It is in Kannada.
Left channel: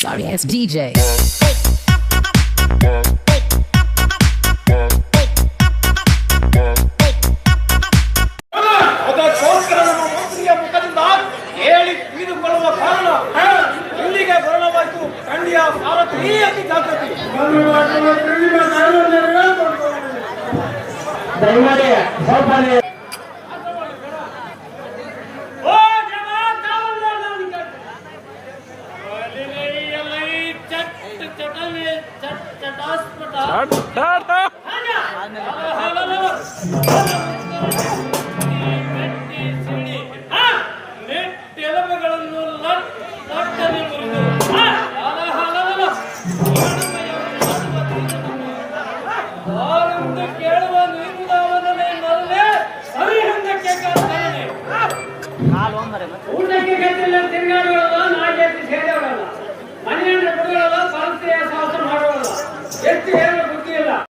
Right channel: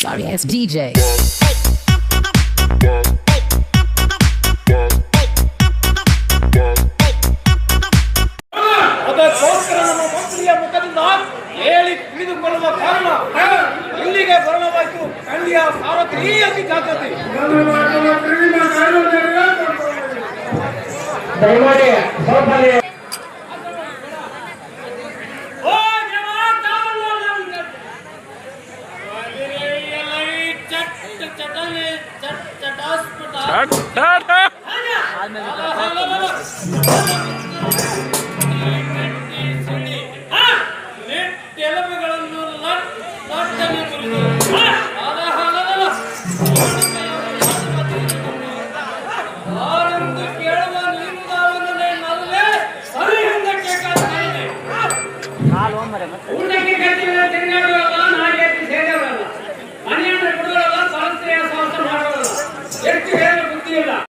Sorry ass DJ. ಅದಕ್ಕೋಸ್ಕರ ನಮ್ಮ ಮಂತ್ರಿಯ ಮುಖದಿಂದ ಹೇಳಿ ತಿಳಿದುಕೊಳ್ಳುವ ಕಾರಣ ಇಲ್ಲಿಗೆ ಬರಲವಾಯಿತು. ಖಂಡಿಯ ಸಾರಥಿ ಅತಿ ಜಾಗೃತಿ ಎಲುಬುಗಳನ್ನು ಲಟ್ಟನೆ ಮುರಿದು ಅವರೆಂದು ಕೇಳುವ ನೀರುದಾವನೇ ನಲ್ಲೇ ಸರಿ ಹಿಂದಕ್ಕೆ ಕಾಲ್ತಾನೆ ಊಟಕ್ಕೆ ಗಂಟಿಲ್ಲ ತಿಂಗಳಲ್ಲ ನಾಗೇಟಿ ಸೇರವಲ್ಲ ಮನೆಯನ್ನು ಬಿಡುವಲ್ಲ ಪರಂಪರೆಯ ಸಾಹಸ ಮಾಡುವಲ್ಲ ಹೆಚ್ಚು